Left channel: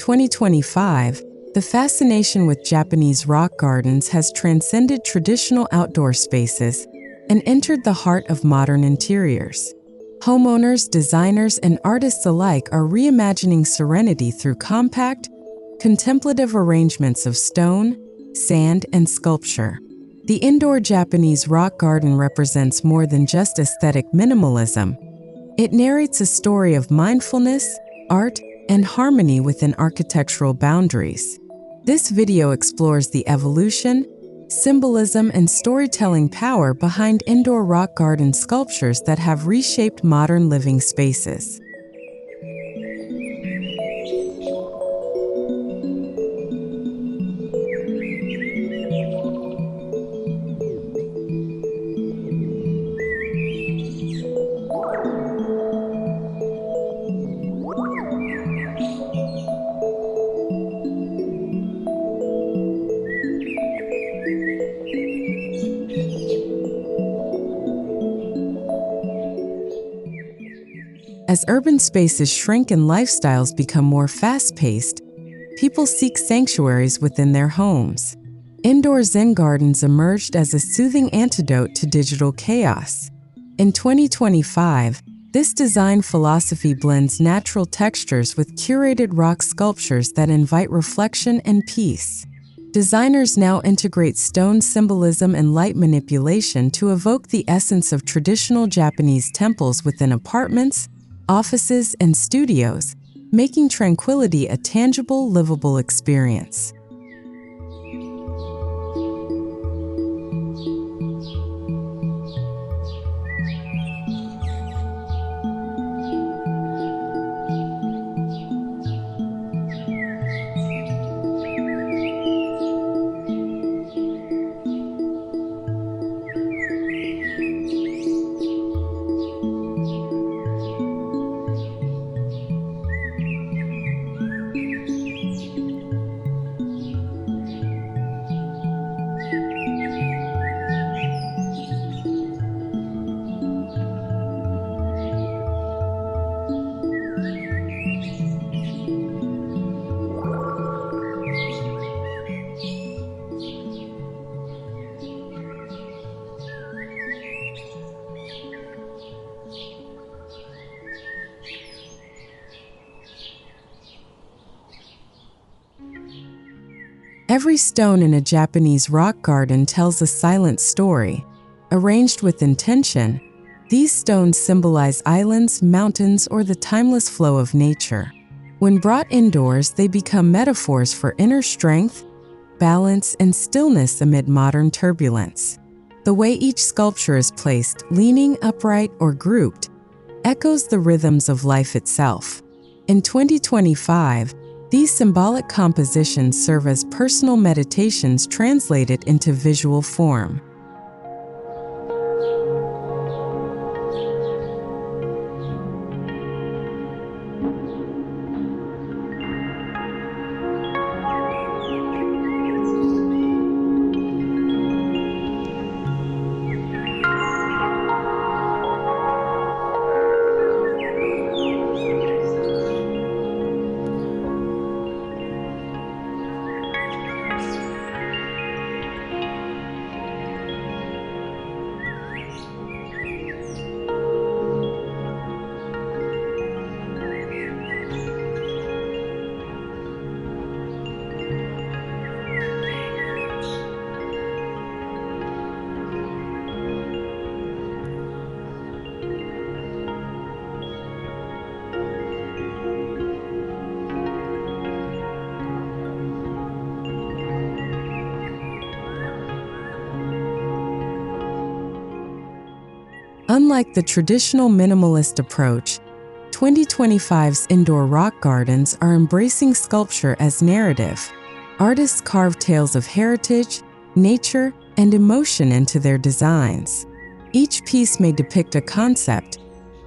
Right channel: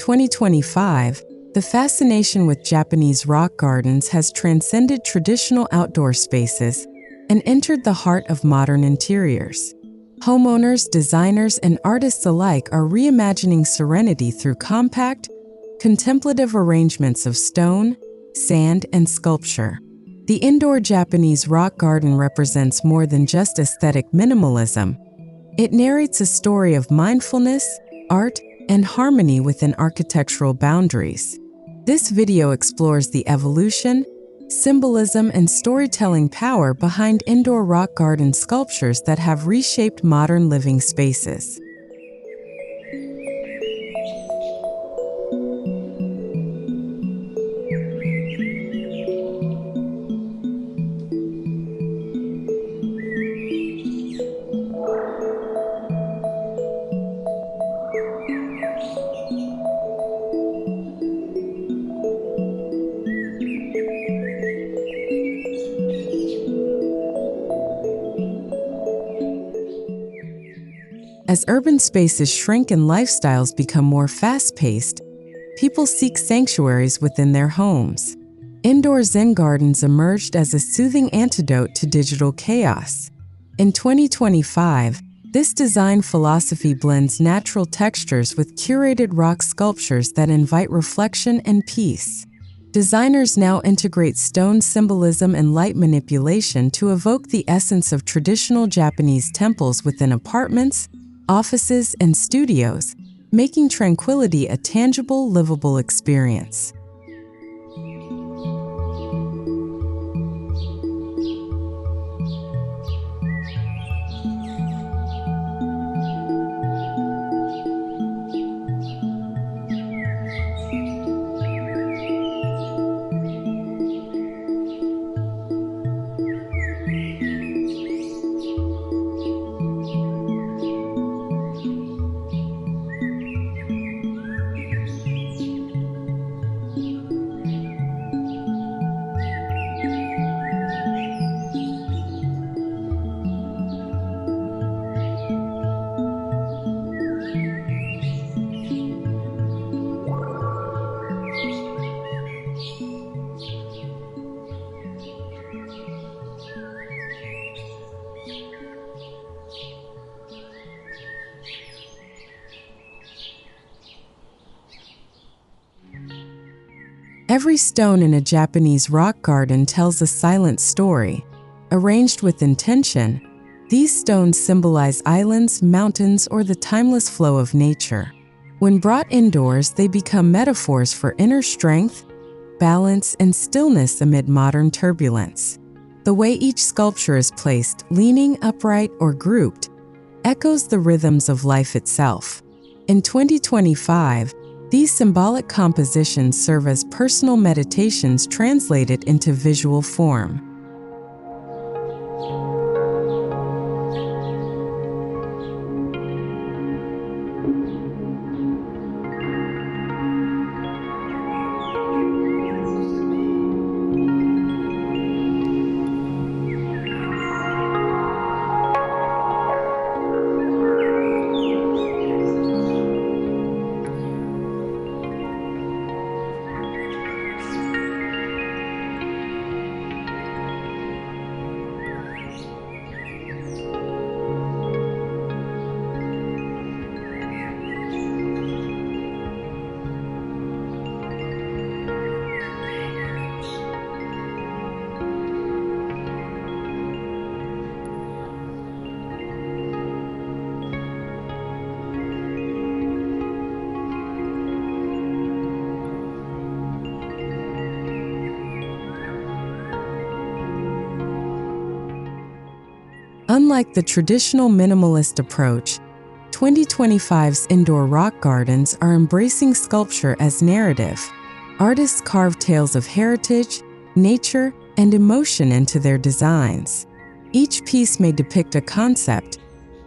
2025, the fascination with Japanese rock gardens has transcended traditional outdoor spaces and entered the heart of modern interiors. Homeowners, designers, and artists alike are reimagining serenity through compact, contemplative arrangements of stone, sand, and sculpture. The indoor Japanese rock garden represents more than just aesthetic minimalism. It narrates a story of mindfulness, art, and harmony within architectural boundaries. This video explores the evolution, symbolism, and storytelling power behind indoor rock garden sculptures that have reshaped modern living spaces. As urban spaces shrink and lifestyles become more fast-paced, people seek sanctuaries within their homes. Indoor Zen gardens emerged as a soothing antidote to digital chaos. In 2025, this design philosophy blends natural textures with curated rock sculptures that invite reflection and peace. Designers now integrate stone symbolism and light manipulation to evoke the essence of traditional Japanese temples within apartments, offices, and studios, making tranquility a tangible, livable experience. Every stone in a Japanese rock garden tells a silent story. Arranged with intention, these stones symbolize islands, mountains, or the timeless flow of nature. When brought indoors, they become metaphors for inner strength, balance, and stillness amid modern turbulence. The way each sculpture is placed, leaning, upright, or grouped, echoes the rhythms of life itself. In 2025, these symbolic compositions serve as personal meditations translated into visual form. Unlike the traditional minimalist approach, 2025's indoor rock gardens are embracing sculpture as narrative. Artists carve tales of heritage, nature, and emotion into their designs. Each piece may depict a concept,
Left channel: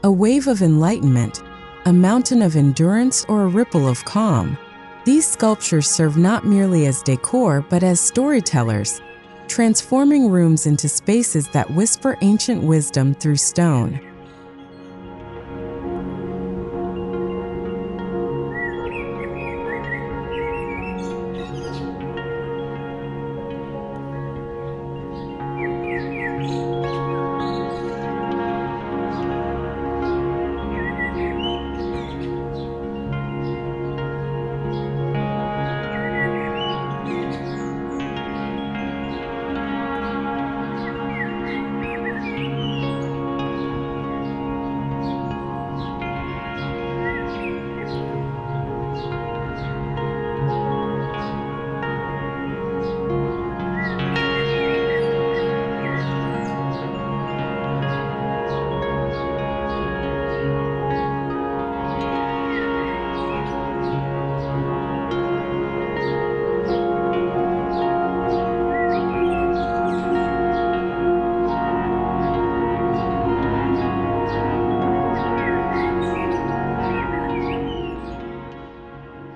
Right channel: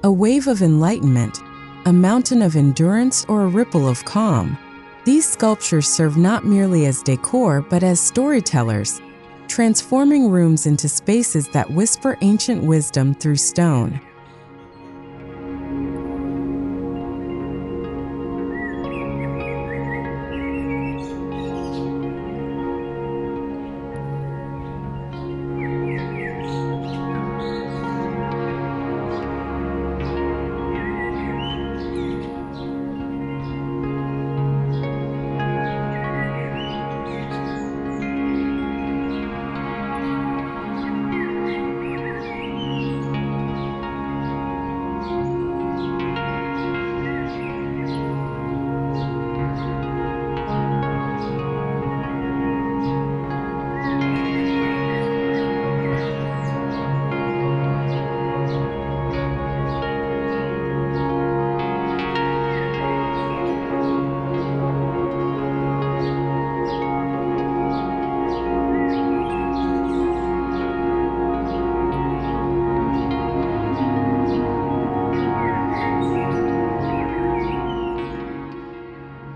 a wave of enlightenment, a mountain of endurance, or a ripple of calm. These sculptures serve not merely as decor but as storytellers, transforming rooms into spaces that whisper ancient wisdom through stone.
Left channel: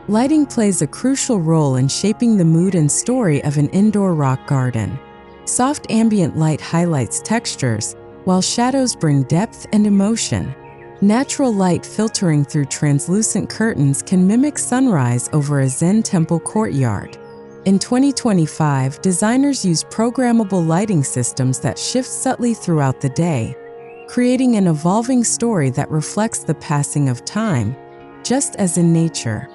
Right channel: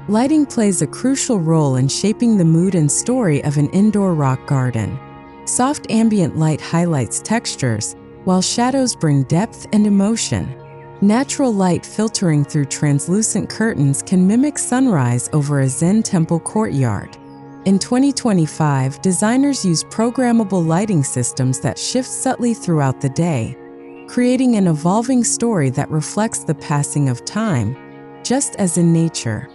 Lighting plays a crucial role in shaping the mood and story of an indoor rock garden. Soft ambient light highlights textures, while shadows bring depth and emotion. Natural light filtering through translucent curtains can mimic sunrise over a Zen temple courtyard. In 2025, designers use programmable lighting systems that shift subtly throughout the day, creating an evolving story that reflects the passing of time, just as in nature.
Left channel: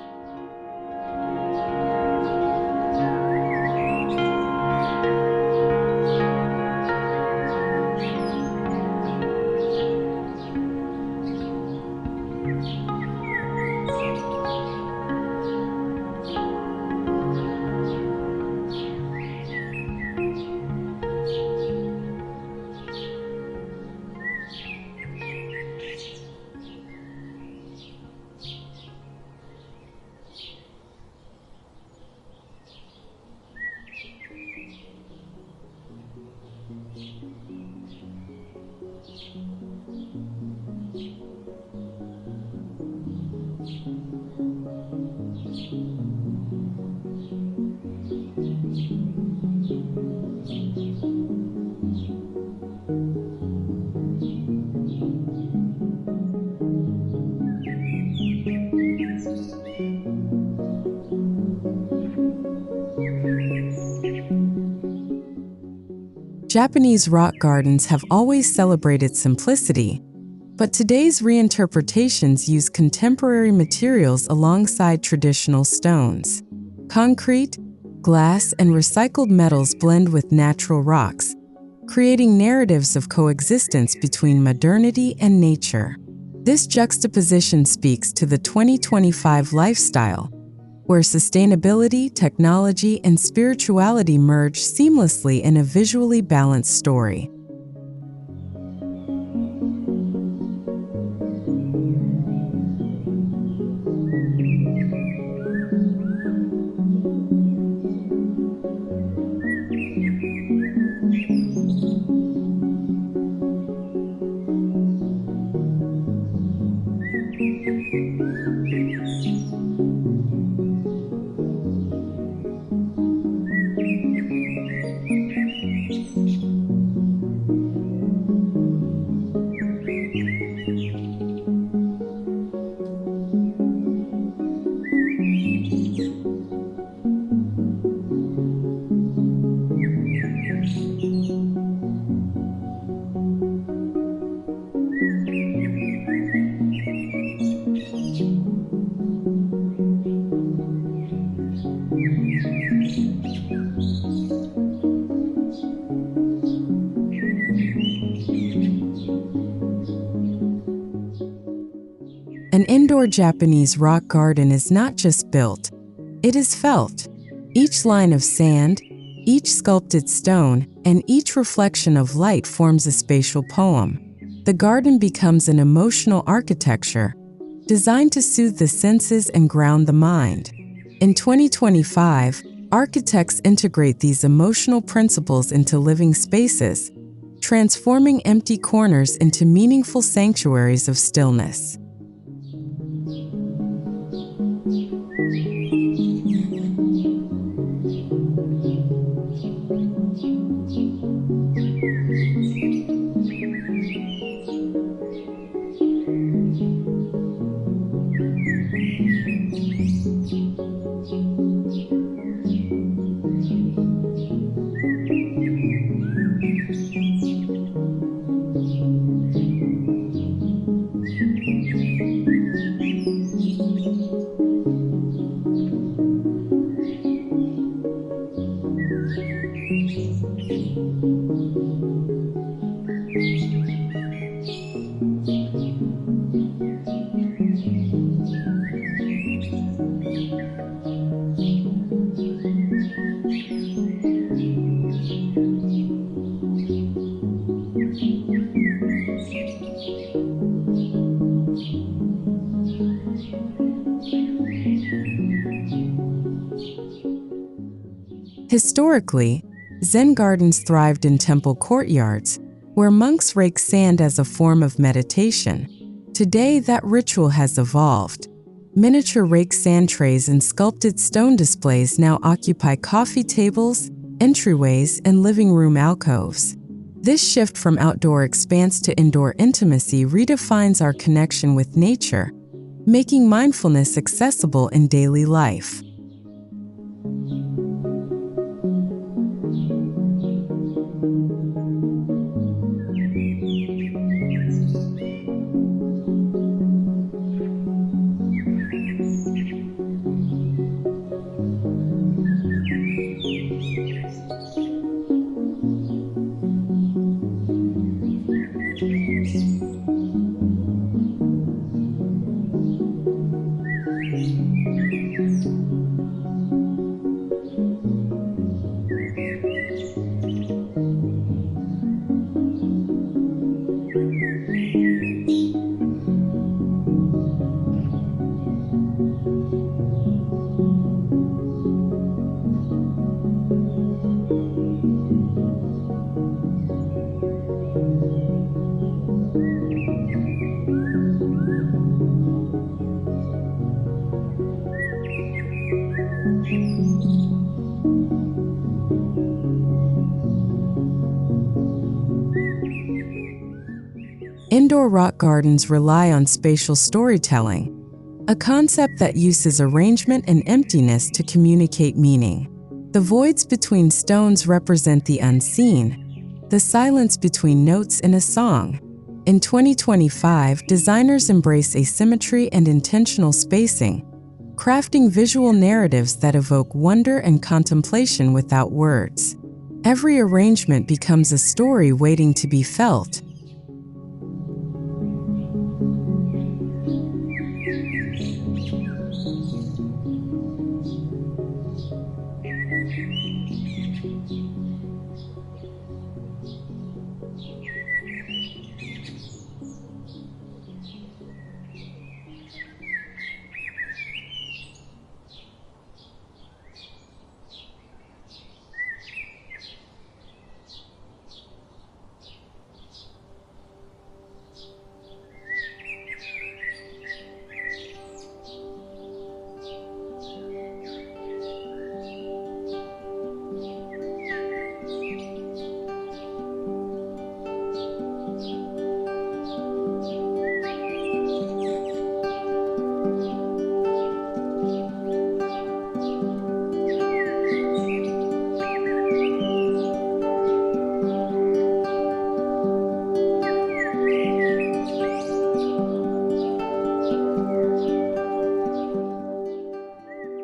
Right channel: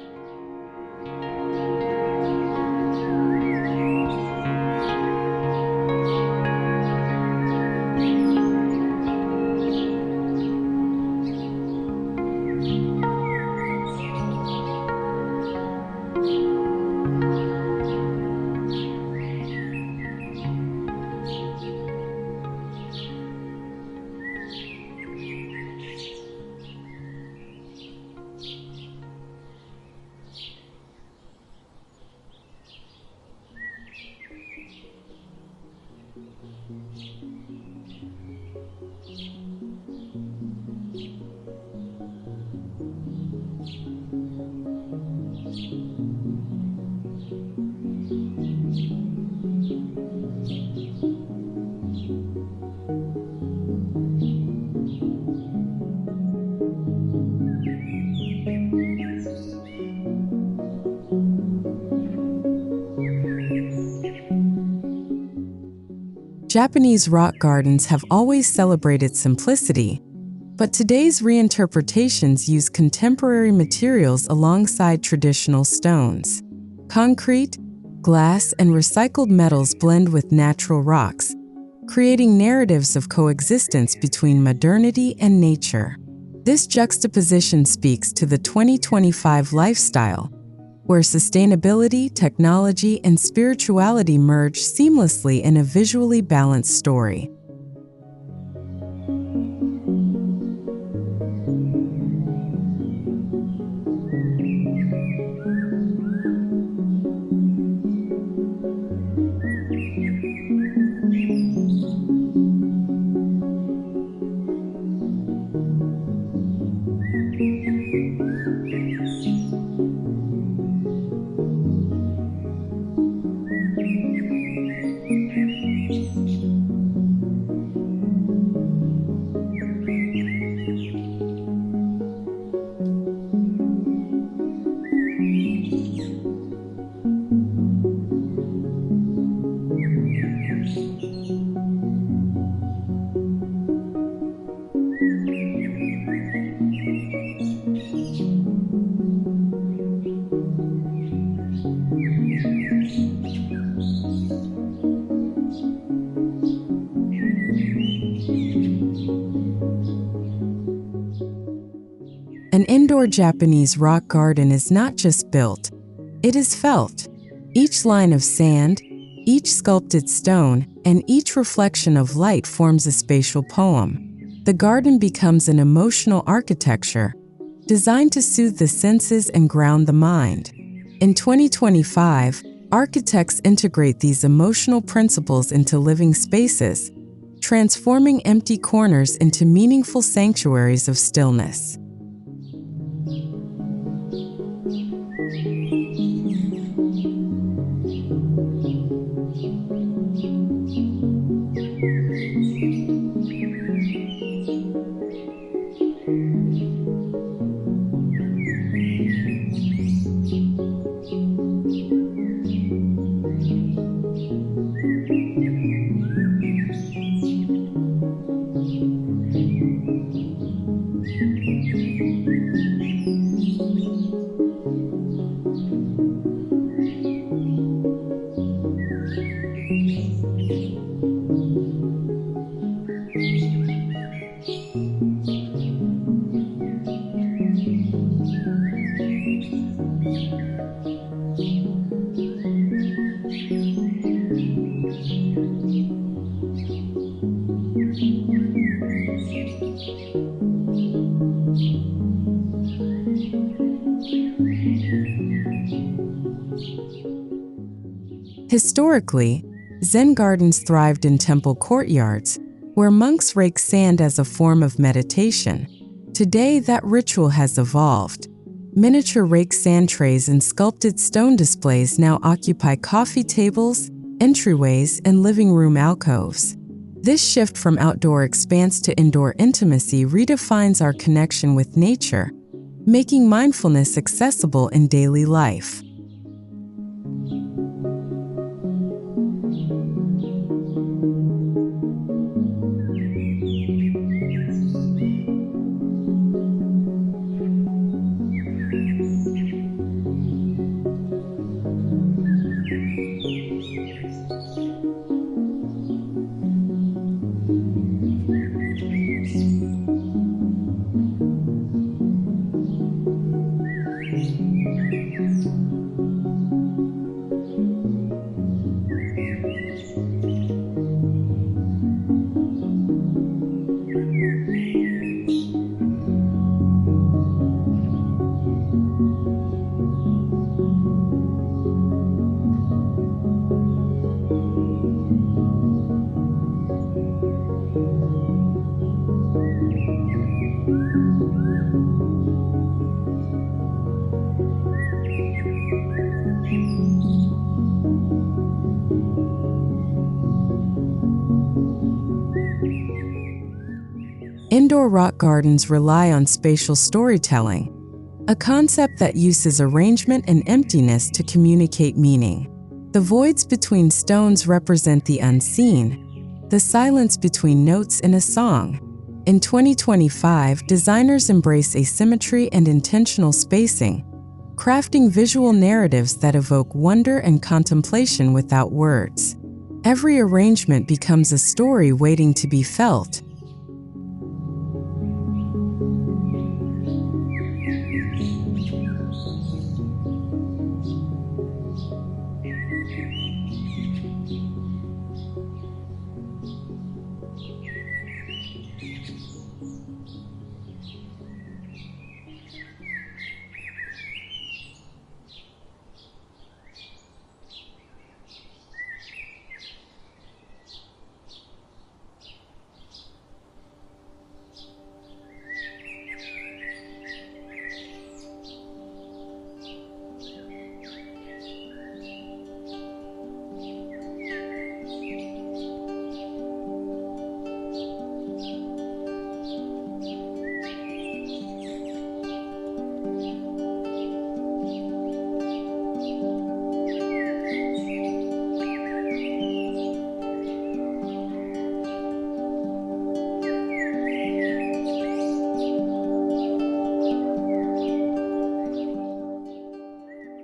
Japanese rock gardens have always celebrated simplicity, but today's reinterpretations use contemporary materials alongside traditional stones. Concrete, glass, and recycled metals blend with natural rocks, creating narratives of coexistence between modernity and nature. This juxtaposition speaks to the 2025 lifestyle, where sustainability, technology, and spirituality merge seamlessly in a visually balanced story. An indoor Japanese rock garden is not just built, it is felt. Each line of sand, each sculpted stone, and each reflection of light forms a spatial poem. The garden becomes an emotional architecture, designed to soothe the senses and ground the mind. In 2025, architects integrate these emotional principles into living spaces, transforming empty corners into meaningful sanctuaries of stillness. Historically, Zen gardens thrived in temple courtyards, where monks raked sand as a form of meditation. Today, that ritual has evolved. Miniature rake sand trays and sculpted stone displays now occupy coffee tables, entryways, and living room alcoves. This shift from outdoor expanse to indoor intimacy redefines our connection with nature, making mindfulness accessible in daily life. Indoor rock gardens rely on spatial storytelling, a concept that uses arrangement and emptiness to communicate meaning. The voids between stones represent the unseen, the silence between notes in a song. In 2025, designers embrace asymmetry and intentional spacing, crafting visual narratives that evoke wonder and contemplation without words. Every arrangement becomes a story waiting to be felt.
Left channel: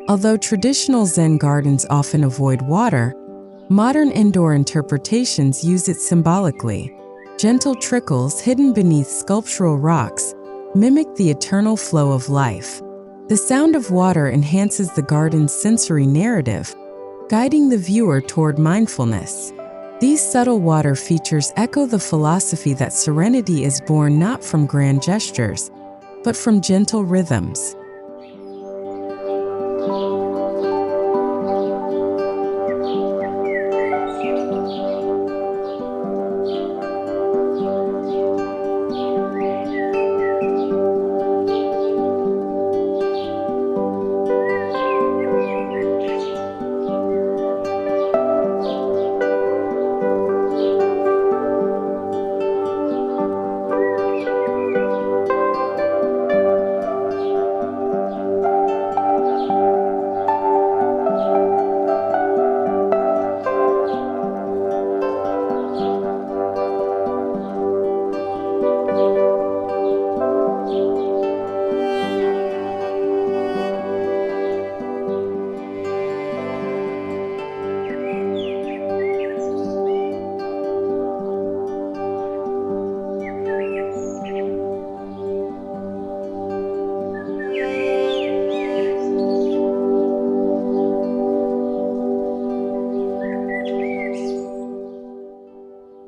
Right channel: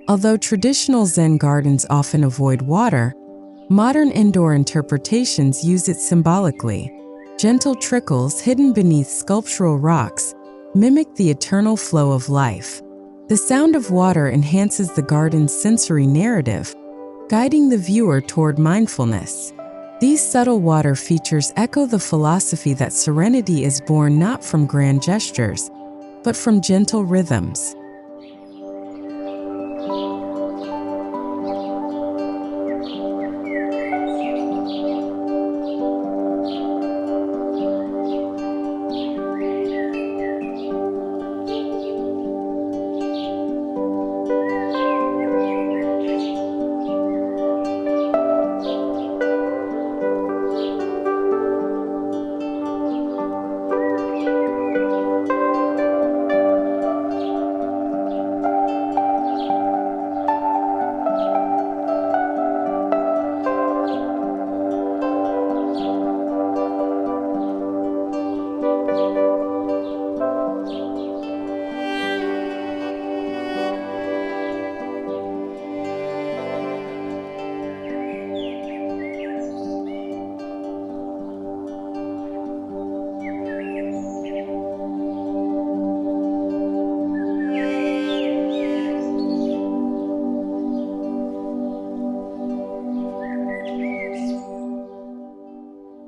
Although traditional Zen gardens often avoid water, modern indoor interpretations use it symbolically. Gentle trickles hidden beneath sculptural rocks mimic the eternal flow of life. The sound of water enhances the garden's sensory narrative, guiding the viewer toward mindfulness. These subtle water features echo the philosophy that serenity is born not from grand gestures, but from gentle rhythms.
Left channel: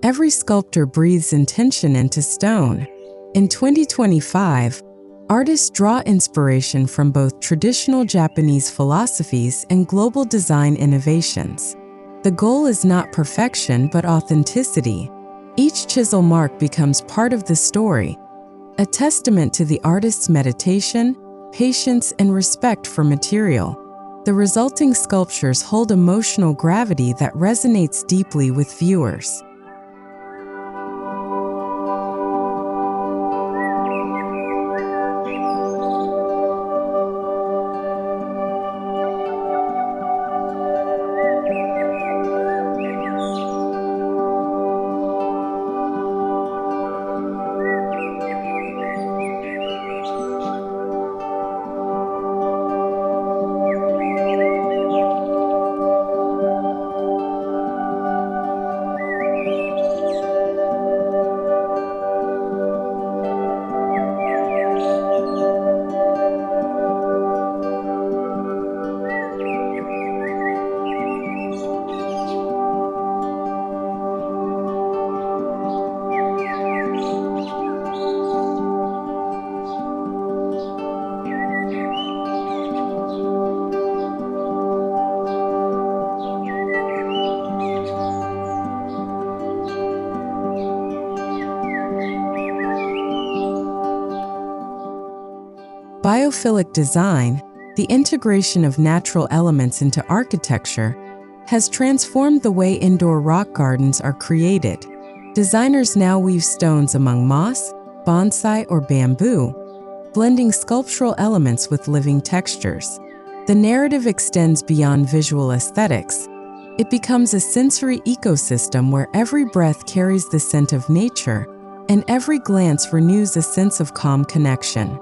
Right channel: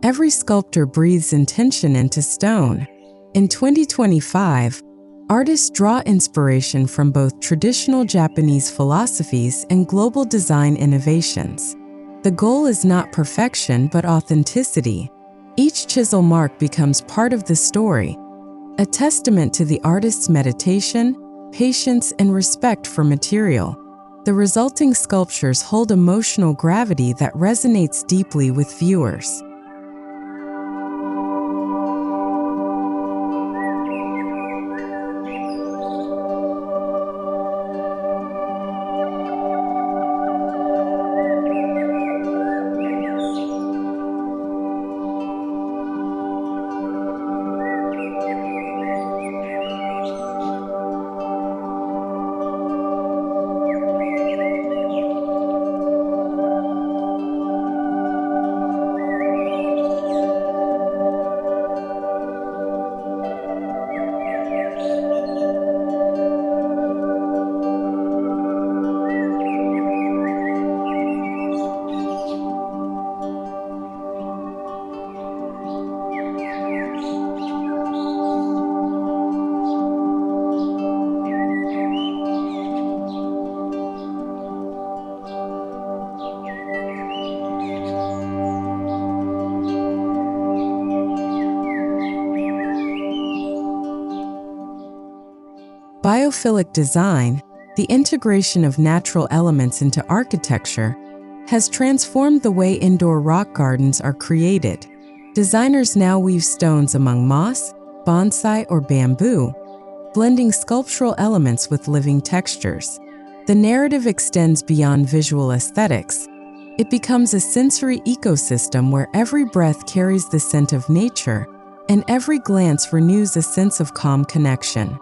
Every sculptor breathes intention into stone. In 2025, artists draw inspiration from both traditional Japanese philosophies and global design innovations. The goal is not perfection, but authenticity. Each chisel mark becomes part of the story, a testament to the artist's meditation, patience, and respect for material. The resulting sculptures hold emotional gravity that resonates deeply with viewers. Biophilic design, the integration of natural elements into architecture, has transformed the way indoor rock gardens are created. Designers now weave stones among moss, bonsai, or bamboo, blending sculptural elements with living textures. The narrative extends beyond visual aesthetics. It becomes a sensory ecosystem where every breath carries the scent of nature, and every glance renews a sense of calm connection.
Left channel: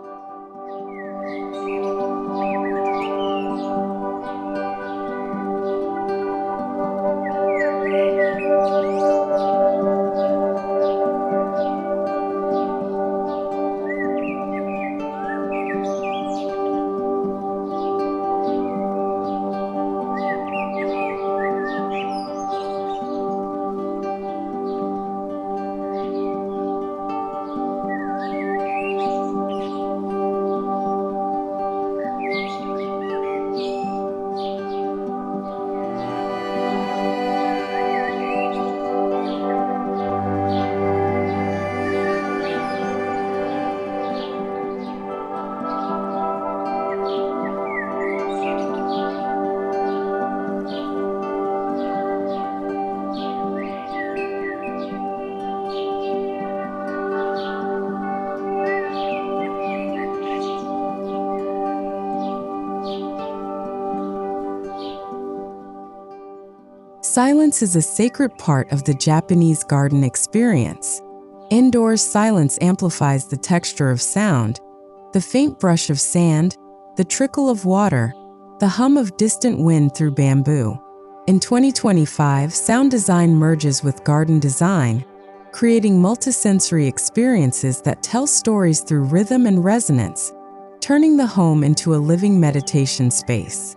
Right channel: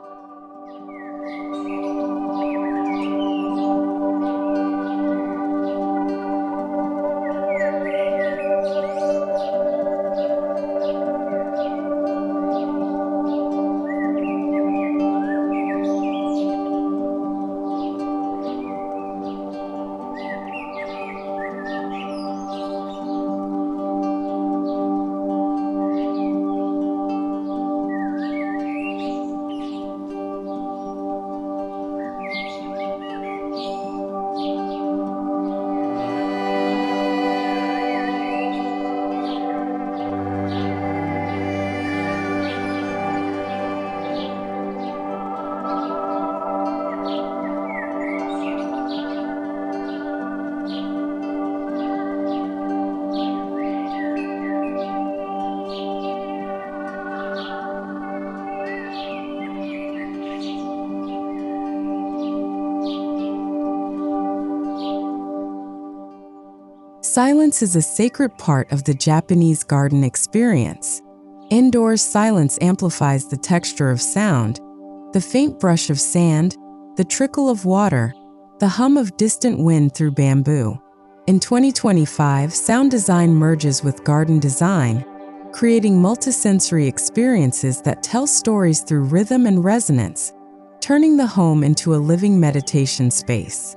Silence is a sacred part of the Japanese garden experience. Indoors, silence amplifies the texture of sound, the faint brush of sand, the trickle of water, the hum of distant wind through bamboo. In 2025, sound design merges with garden design, creating multisensory experiences that tell stories through rhythm and resonance, turning the home into a living meditation space.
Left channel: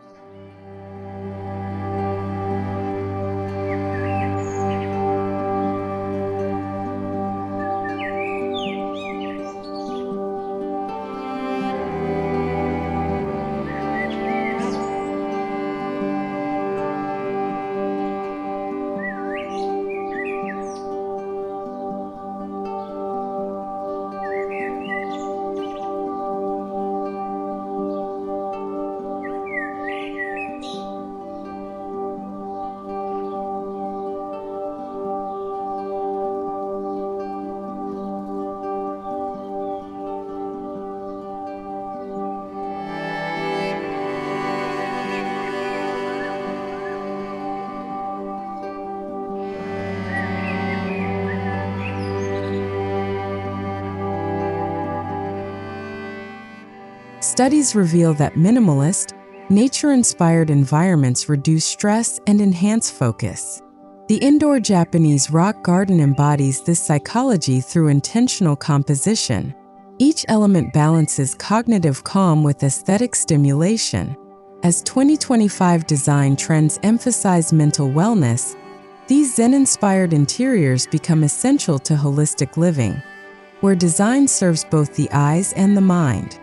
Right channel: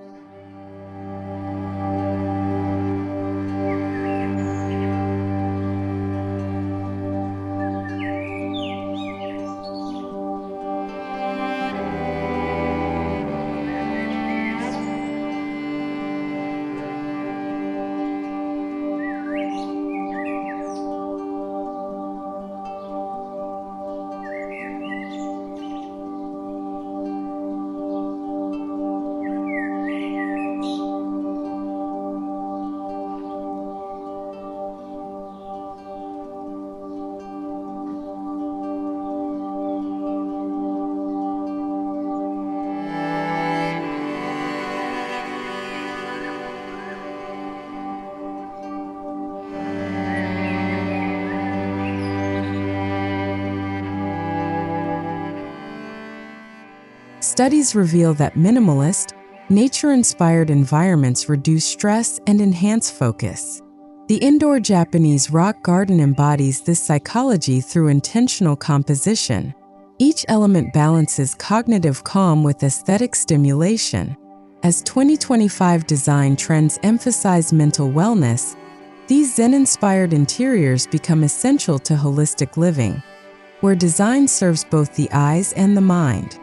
Studies reveal that minimalist, nature-inspired environments reduce stress and enhance focus. The indoor Japanese rock garden embodies this psychology through intentional composition. Each element balances cognitive calm with aesthetic stimulation. As 2025 design trends emphasize mental wellness, these Zen-inspired interiors become essential to holistic living, where design serves both the eyes and the mind.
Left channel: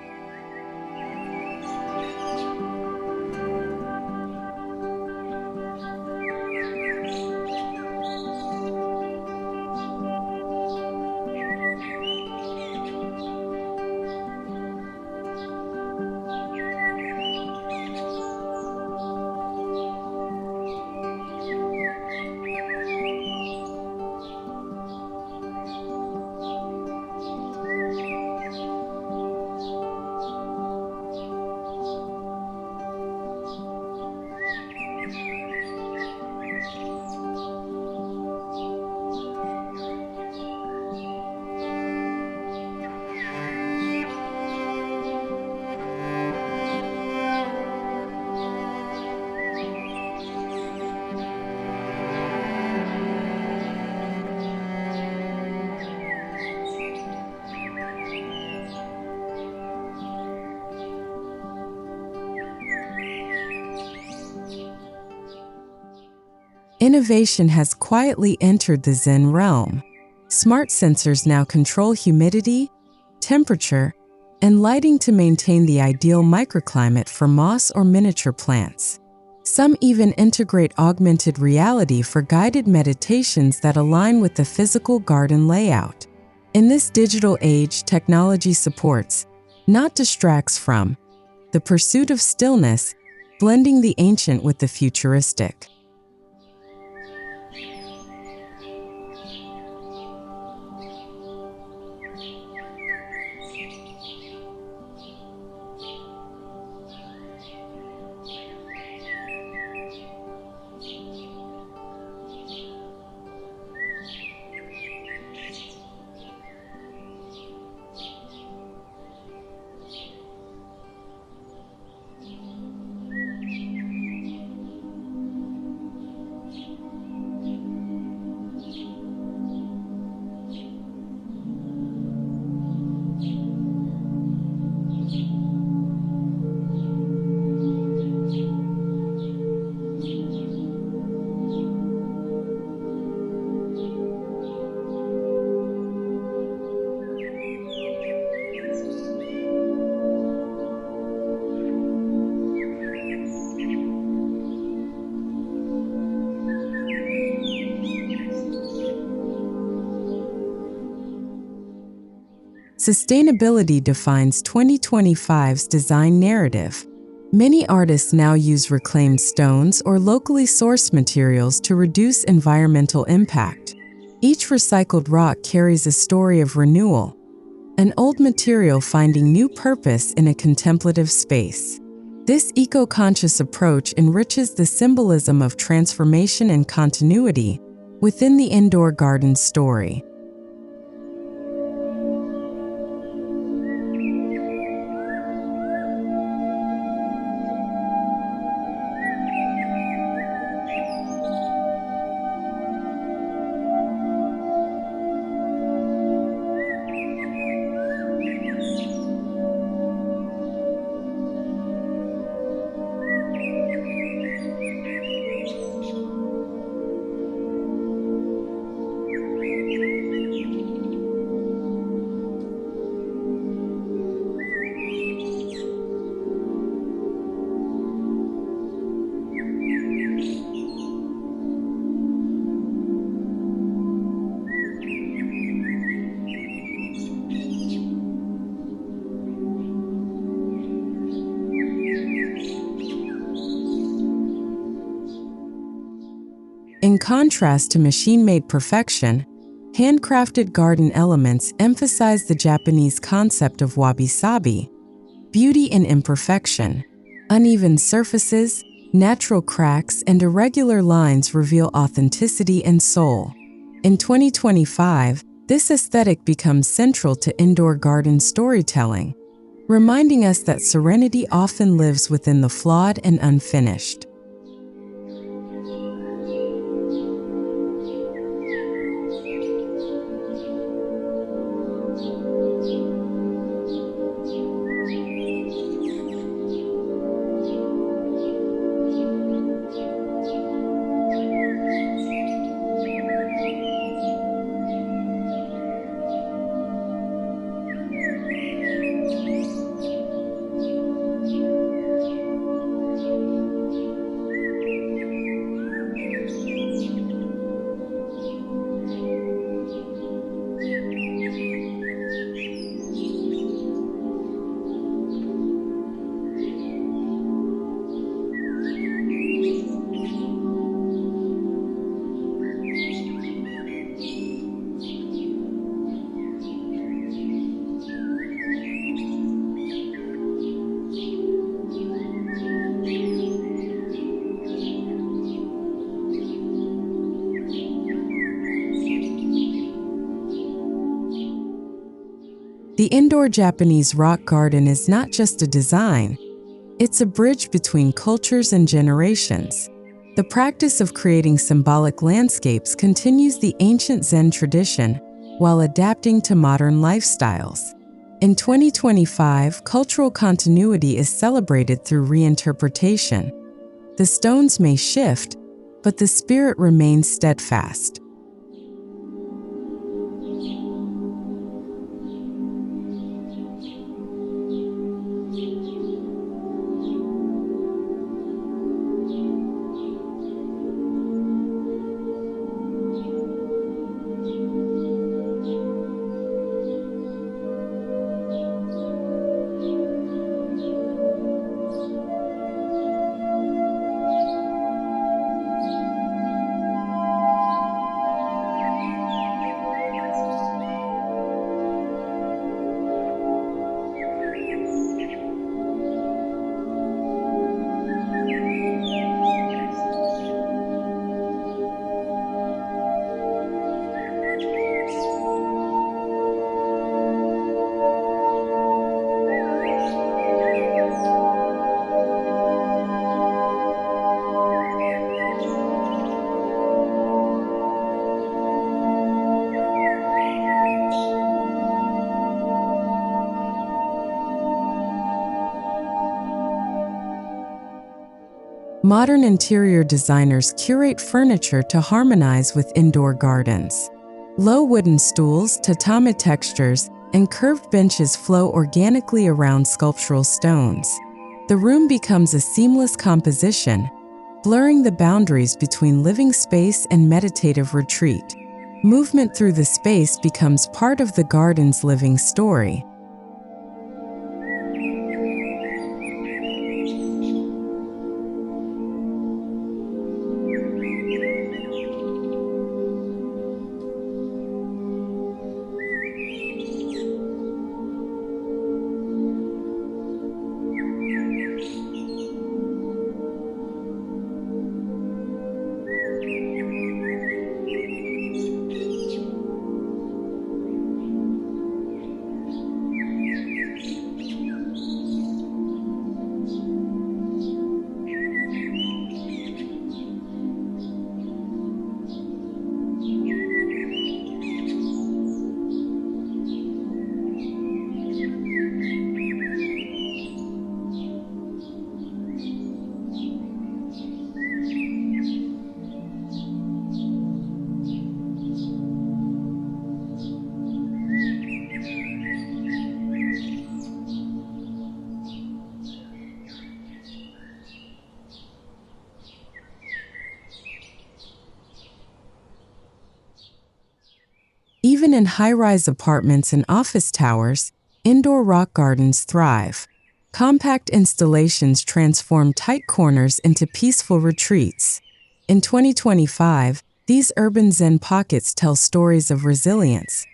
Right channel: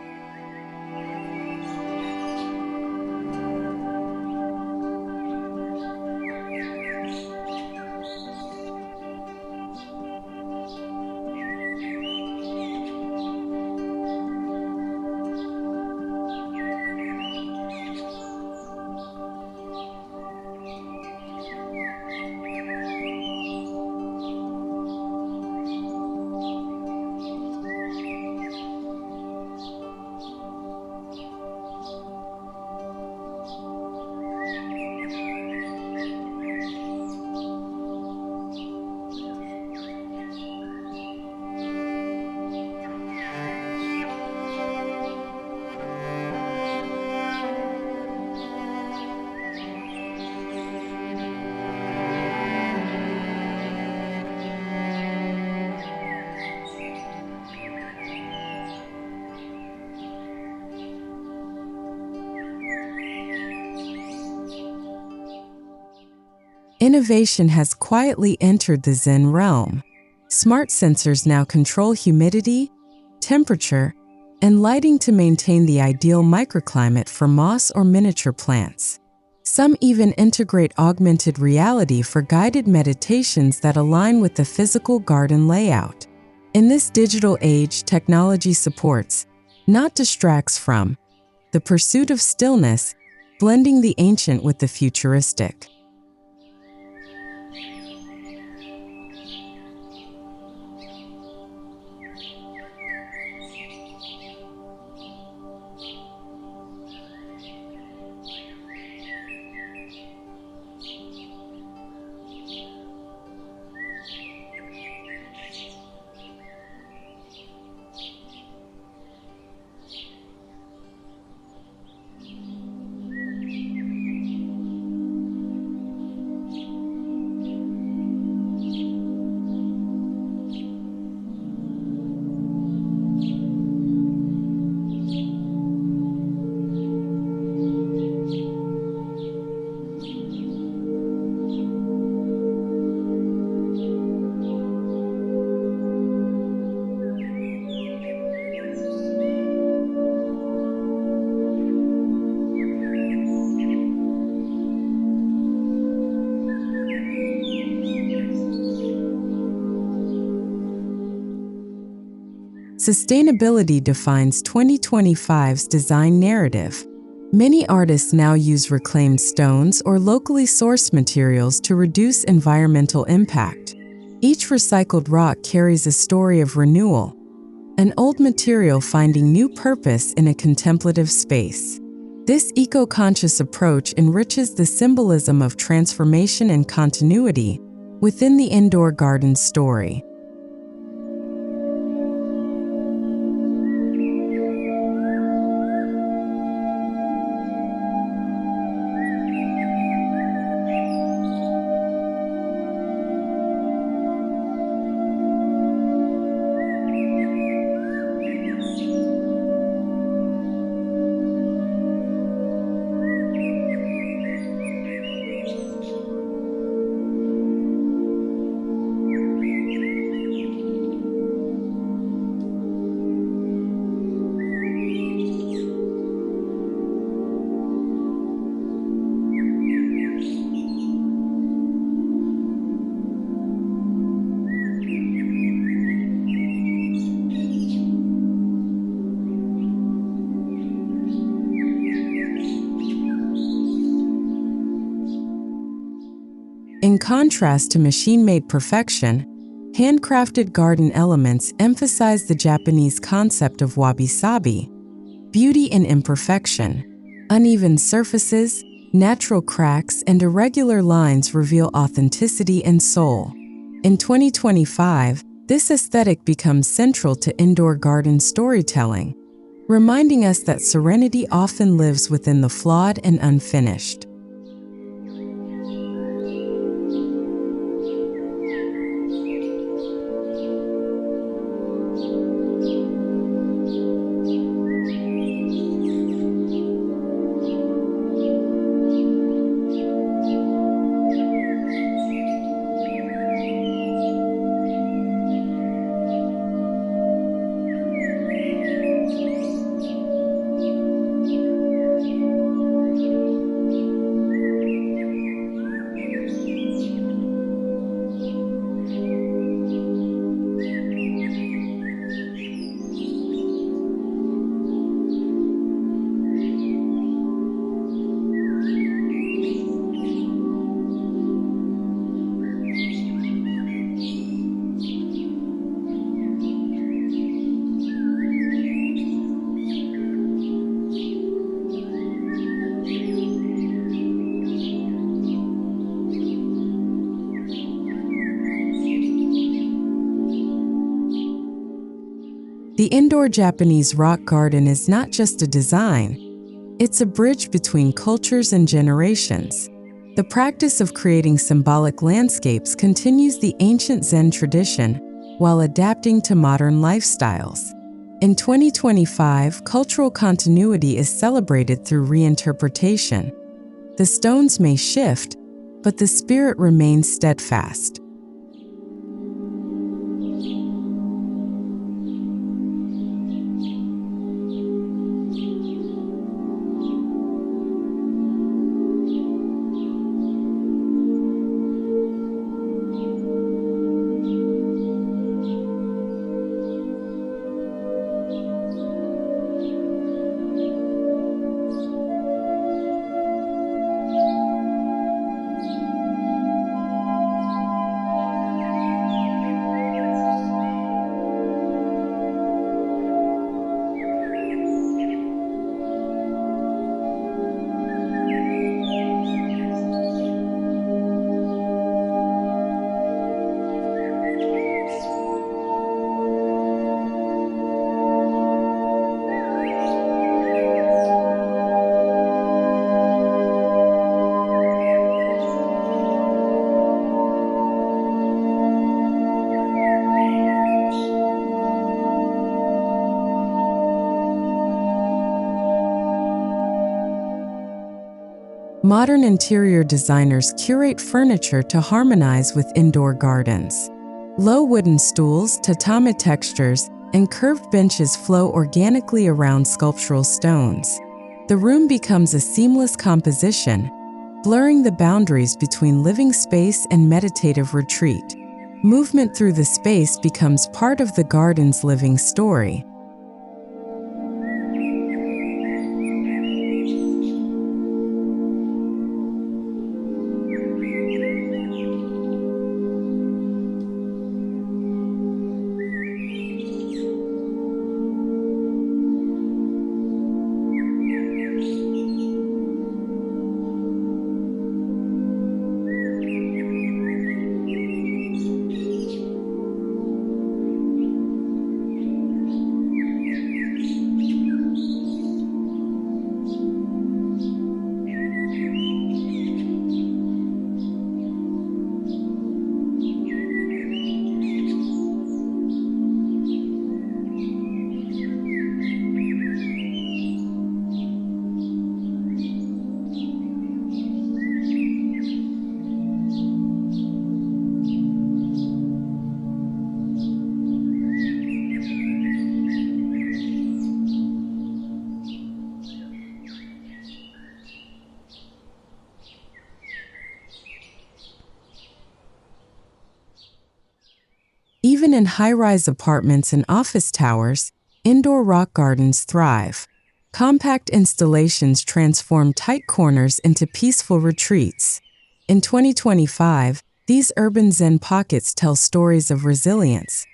innovation has quietly entered the Zen realm. Smart sensors now control humidity, temperature, and lighting to maintain the ideal microclimate for moss or miniature plants. Some even integrate augmented reality for guided meditations that align with the physical garden layout. In this digital age, technology supports, not distracts from, the pursuit of stillness, blending the ancient with the futuristic. Sustainability defines 2025's design narrative. Many artists now use reclaimed stones or locally sourced materials to reduce environmental impact. Each recycled rock carries a story of renewal, an old material finding new purpose in a contemplative space. This eco-conscious approach enriches the symbolism of transformation and continuity within the indoor garden story. In contrast to machine-made perfection, handcrafted garden elements emphasize the Japanese concept of wabi-sabi, beauty in imperfection. Uneven surfaces, natural cracks, and irregular lines reveal authenticity and soul. In 2025, this aesthetic becomes central to indoor garden storytelling, reminding us that serenity often lives within the flawed and unfinished. The indoor Japanese rock garden is not just a design, it's a bridge between cultures and generations. The practice of creating symbolic landscapes continues the ancient Zen tradition while adapting to modern lifestyles. In 2025, cultural continuity is celebrated through reinterpretation. The stones may shift, but the spirit remains steadfast. Modern interior designers curate furniture to harmonize with indoor gardens. Low wooden stools, tatami textures, and curved benches flow organically around sculptural stones. The room becomes a seamless composition, blurring the boundaries between living space and meditative retreat. Movement through the space becomes part of the garden's living story. Even in high-rise apartments and office towers, indoor rock gardens thrive. Compact installations transform tight corners into peaceful retreats. In 2025, these urban Zen pockets tell stories of resilience,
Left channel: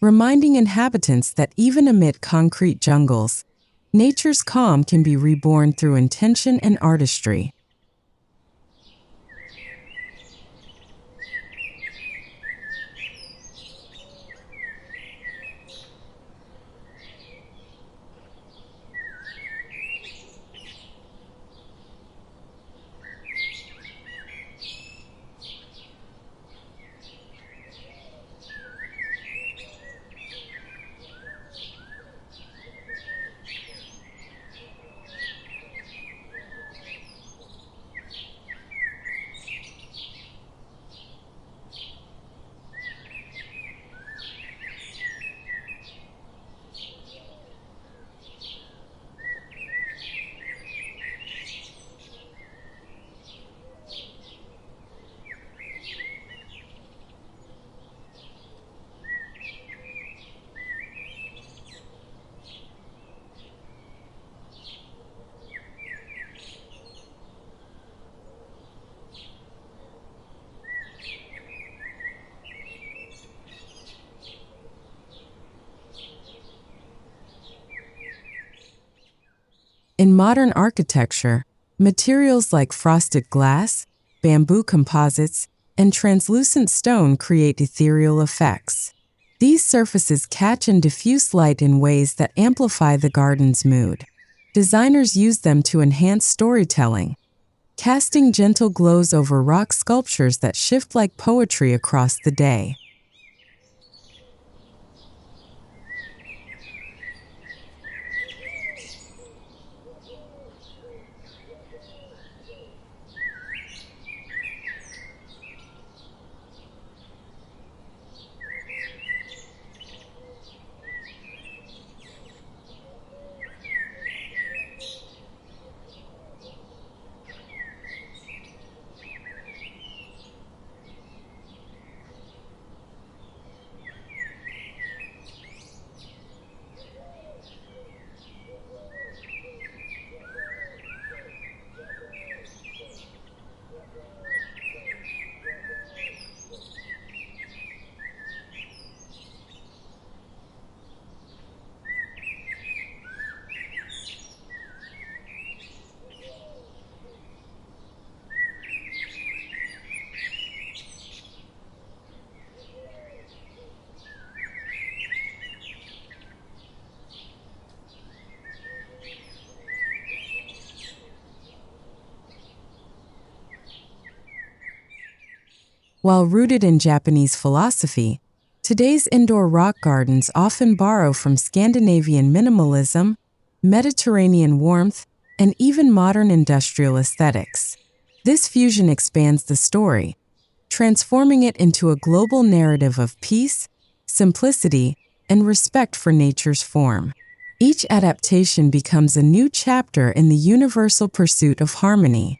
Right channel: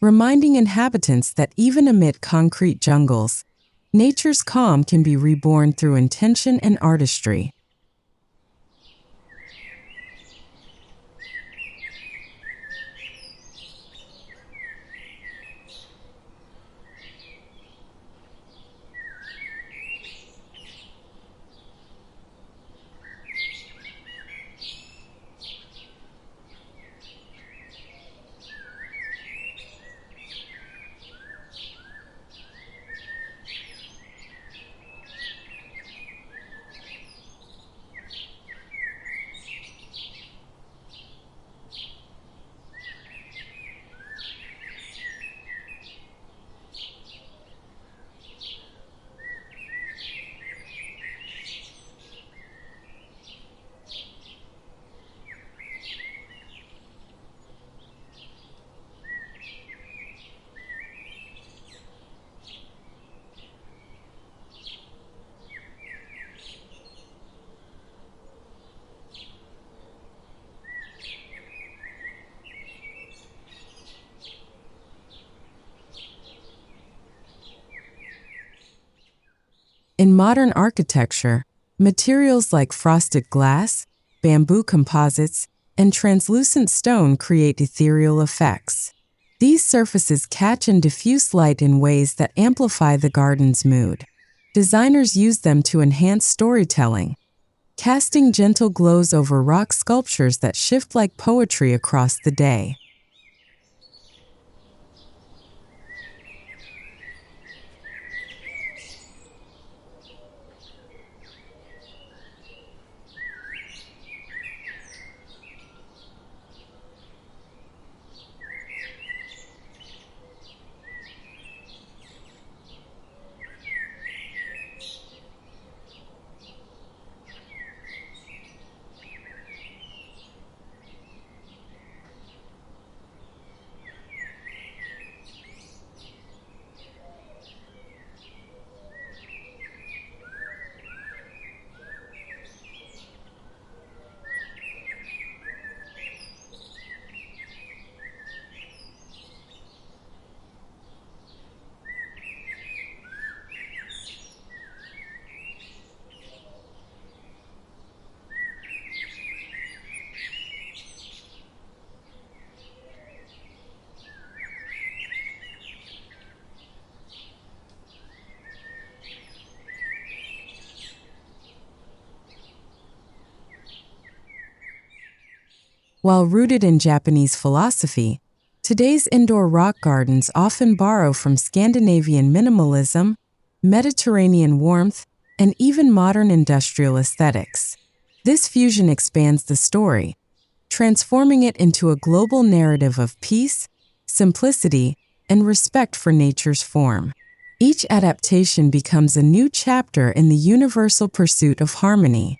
reminding inhabitants that even amid concrete jungles, nature's calm can be reborn through intention and artistry. In modern architecture, materials like frosted glass, bamboo composites, and translucent stone create ethereal effects. These surfaces catch and diffuse light in ways that amplify the garden's mood. Designers use them to enhance storytelling, casting gentle glows over rock sculptures that shift like poetry across the day. While rooted in Japanese philosophy, today's indoor rock gardens often borrow from Scandinavian minimalism, Mediterranean warmth, and even modern industrial aesthetics. This fusion expands the story, transforming it into a global narrative of peace, simplicity, and respect for nature's form. Each adaptation becomes a new chapter in the universal pursuit of harmony.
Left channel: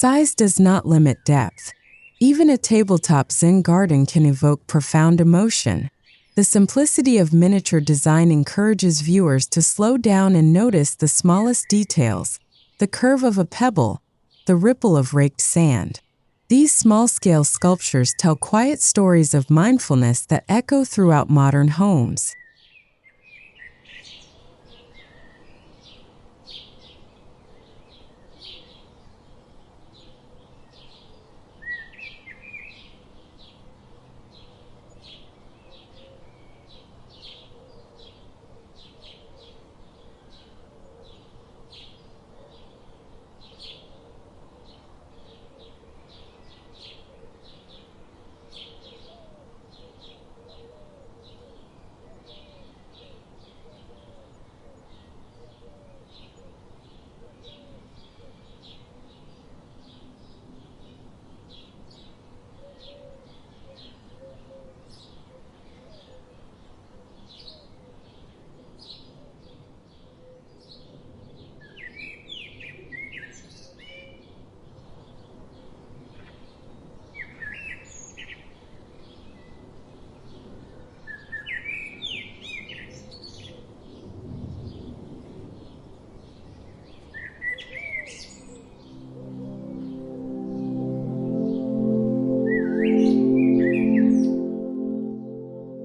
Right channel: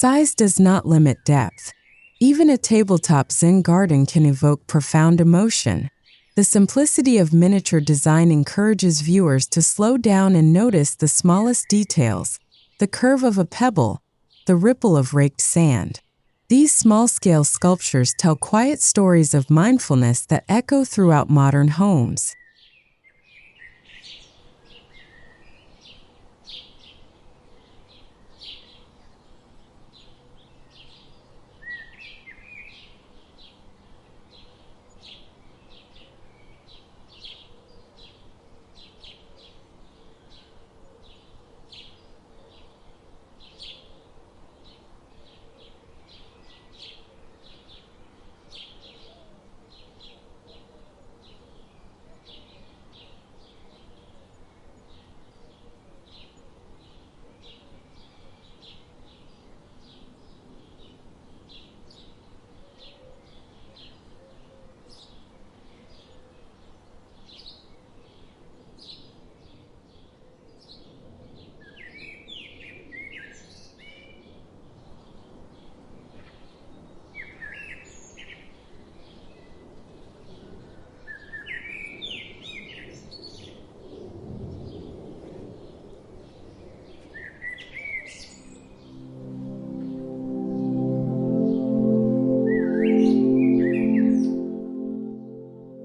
Size does not limit depth. Even a tabletop Zen garden can evoke profound emotion. The simplicity of miniature design encourages viewers to slow down and notice the smallest details, the curve of a pebble, the ripple of raked sand. These small-scale sculptures tell quiet stories of mindfulness that echo throughout modern homes.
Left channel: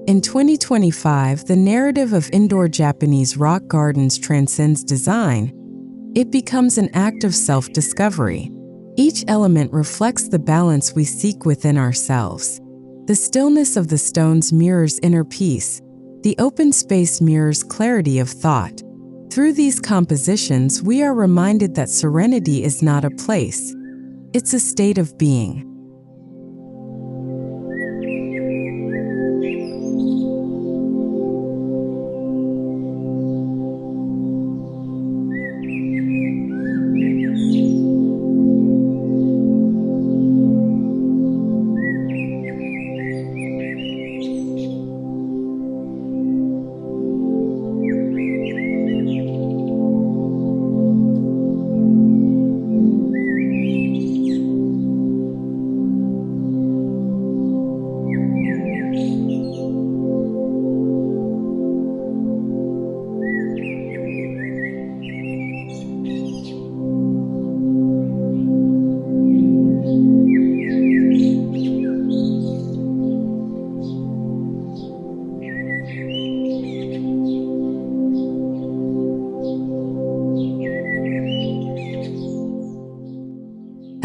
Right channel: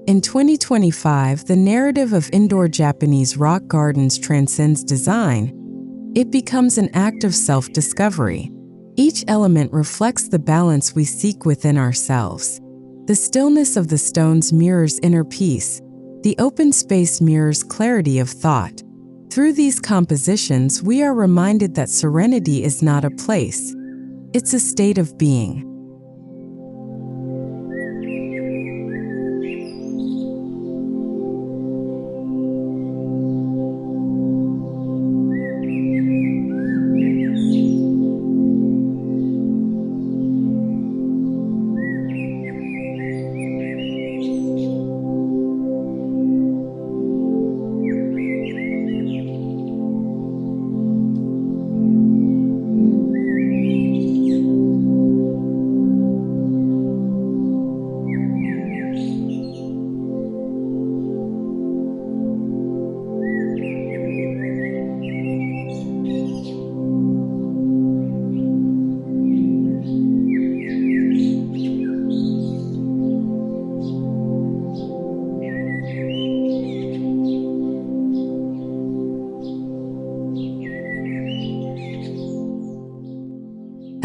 In 2025, the narrative of indoor Japanese rock gardens transcends design. It becomes an act of self-discovery. Each element reflects the balance we seek within ourselves. The stillness of the stones mirrors inner peace. The open space mirrors clarity of thought. Through these compositions, we are reminded that serenity is not a place. It's a state of being.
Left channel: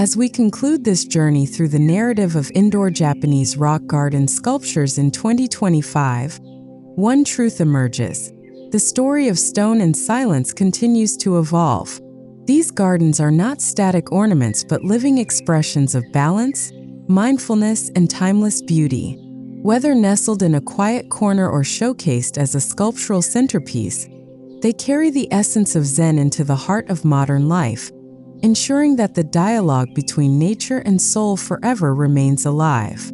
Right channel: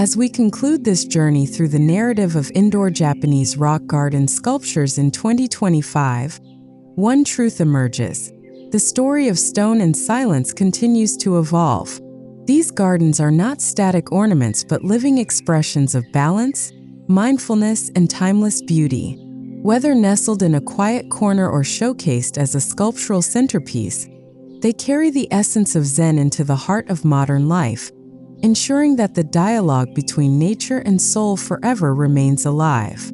As we conclude this journey through the narrative of indoor Japanese rock garden sculptures in 2025, one truth emerges. The story of stone and silence continues to evolve. These gardens are not static ornaments but living expressions of balance, mindfulness, and timeless beauty. Whether nestled in a quiet corner or showcased as a sculptural centerpiece, they carry the essence of Zen into the heart of modern life, ensuring that the dialogue between nature and soul forever remains alive.